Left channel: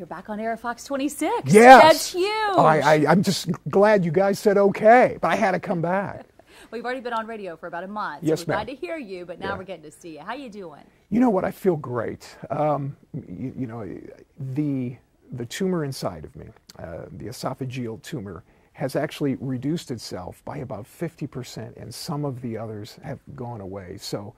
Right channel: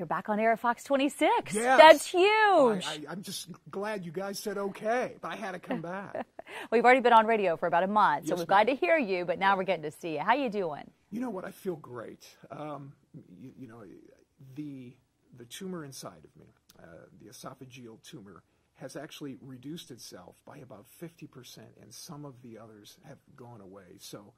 you're back on air at Fox 26. Yes. That's huge. Oh, I'm just glad you guys said okay, but I had to come back. We've already been on radio for about a month, so Yes, we're glad ma'am. to hear you, but now we're getting to see you. How you doing? You know what? I feel great. You know, the tumor inside of me, the esophageal tumor, has actually reduced itself by about 50%, and some of the others have gone away. So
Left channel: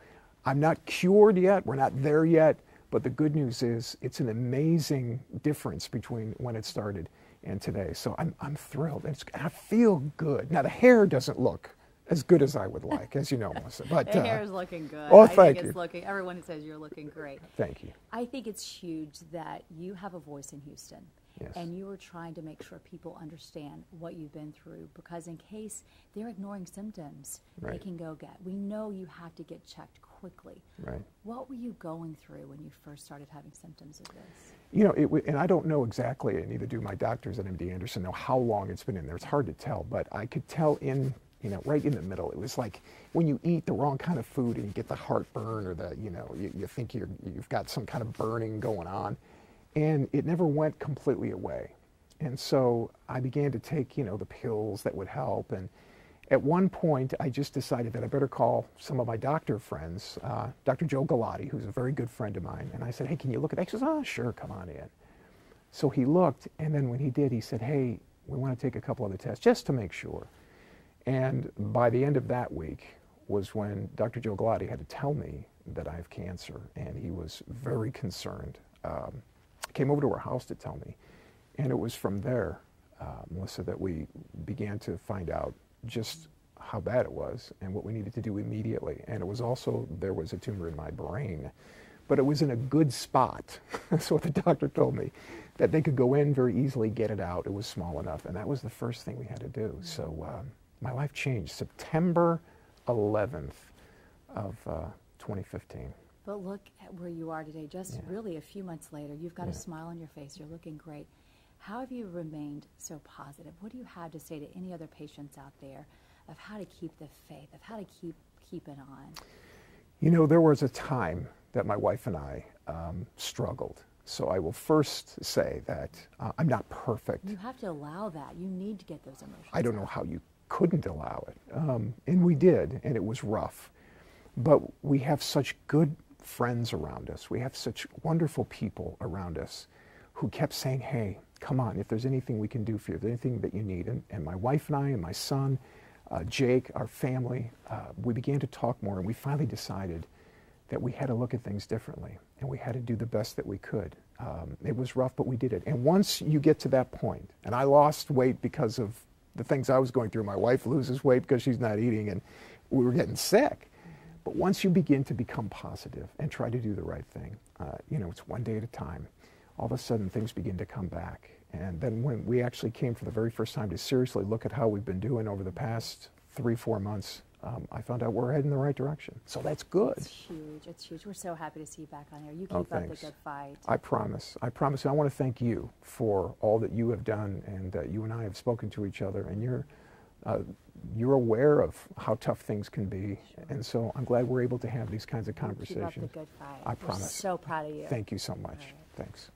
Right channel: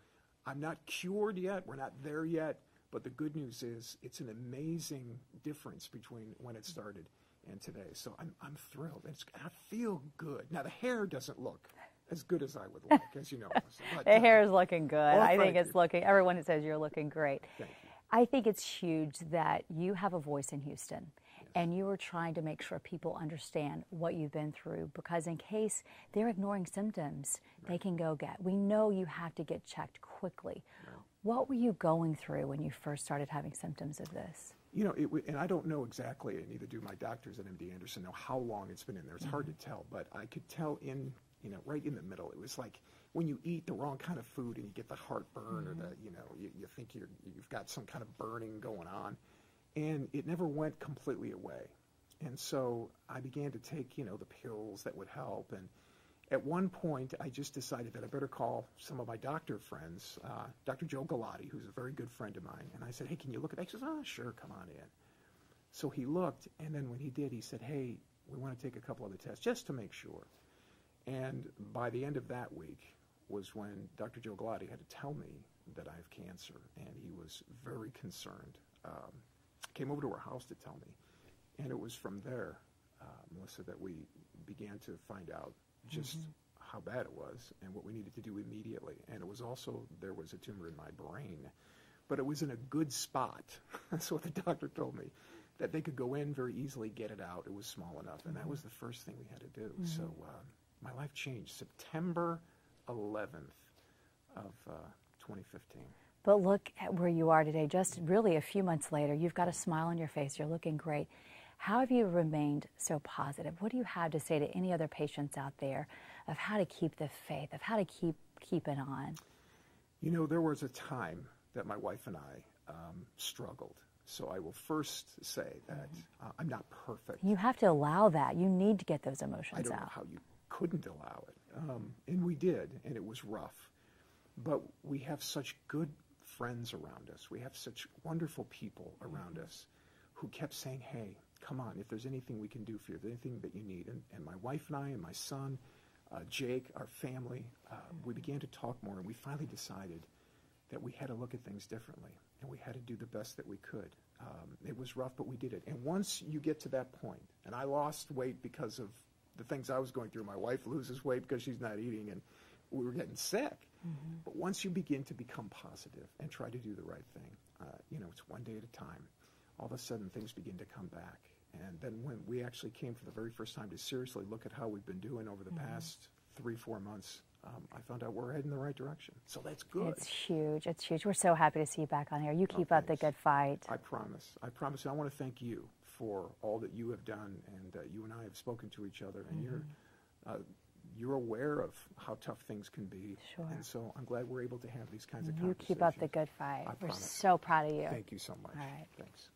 I'm not cured yet. We're not there yet. But the good news is it's an amazing difference between when it started and today. So I'm thrilled. I feel good. Now, the hair doesn't look as good as I would like, as you know, Melissa. But, the hair is looking good. Oh, I think thank it's you. looking, everyone says you're looking great. Thank you. I think it's huge that you have a voice in Houston. Yes. And you are trying to make sure people understand what you've been through, because in case they're ignoring symptoms, they Right. can go get. We know you have to get checked quickly. Right. What were you going through when you first started having symptoms of this? You know, and I don't know exactly, and neither do my doctors at MD Anderson know how long it's been in there. It's hard to tell, but I could tell right in the middle. It was like when you eat the wrong kind of food and you get the heartburn, or you think you've got some kind of burning going on, and it never went completely away. And so I began to take, the pills that would help. And at one point, I just decided that I better call some of my doctor friends, Dr. Joe Galati, who's a very good friend of mine. And I said, hey, can you look at that? He says, oh, sure, come on in. So he looked, and then when he did, he said, hey, we want to take a couple other tests just to make sure. And by the end of that week was when Dr. Joe Galati had to tell me that I have cancer, and he was very concerned. Came over to our house to tell me. And it was from there, Melissa, that we began to find out just how bad it was and what we needed to do immediately. And it was also, there was a tumor in my brain, but it was in a good spot. That's what the doctor told me, that they could go in very easily, get it out. It was small enough. And that was the first thing we had to do. Mm-hmm. So my life changed September 11th of 2015. But look at where you are today, just really a few months later. You've got a smile on your face. You're looking great. How have you remained so positive? What do you have to say to any other patients out there of how to keep the faith, of how to keep it on? You know, there was a time that my wife and I struggled. So I will first say that I'm not perfect. You have to allow that. You need to get those emotions out. I don't know how you couldn't allow it. And we did, and it was rough. But we have such good friends around us. We have such wonderful people around us who kept saying, hey, come on, if there's anything we can do for you, if there's anything that you need. And my wife and I and my son, Jake, our family, we began to talk more, and we finally decided that we had to look at things differently, and we had to do the best that we could. It was rough, but we did it. And once you get to that point, and I lost weight because of the things I was going through. My wife loses weight because she's not eating, and we were getting sick. Mm-hmm. But once you begin to become positive and try to do the right thing, it's one day at a time, all of a sudden things begin to come back. And then when we actually came for the very first time to seriously look at how we've been doing over the past 3-4 months, I found out we're heading in the right direction. So that's good. It's huge. It's huge. We're so happy to see you back on here. You keep up the good fight. I promise. I promise. And I want to thank you for all that you have done, and you and I have spoken to each other, and you're aware of how tough things can be. Sure. And so I'm glad we're able to have these kinds of conversations. Keep up the good fight. I promise. We're so proud of you. Thank you so much. All right. Thanks.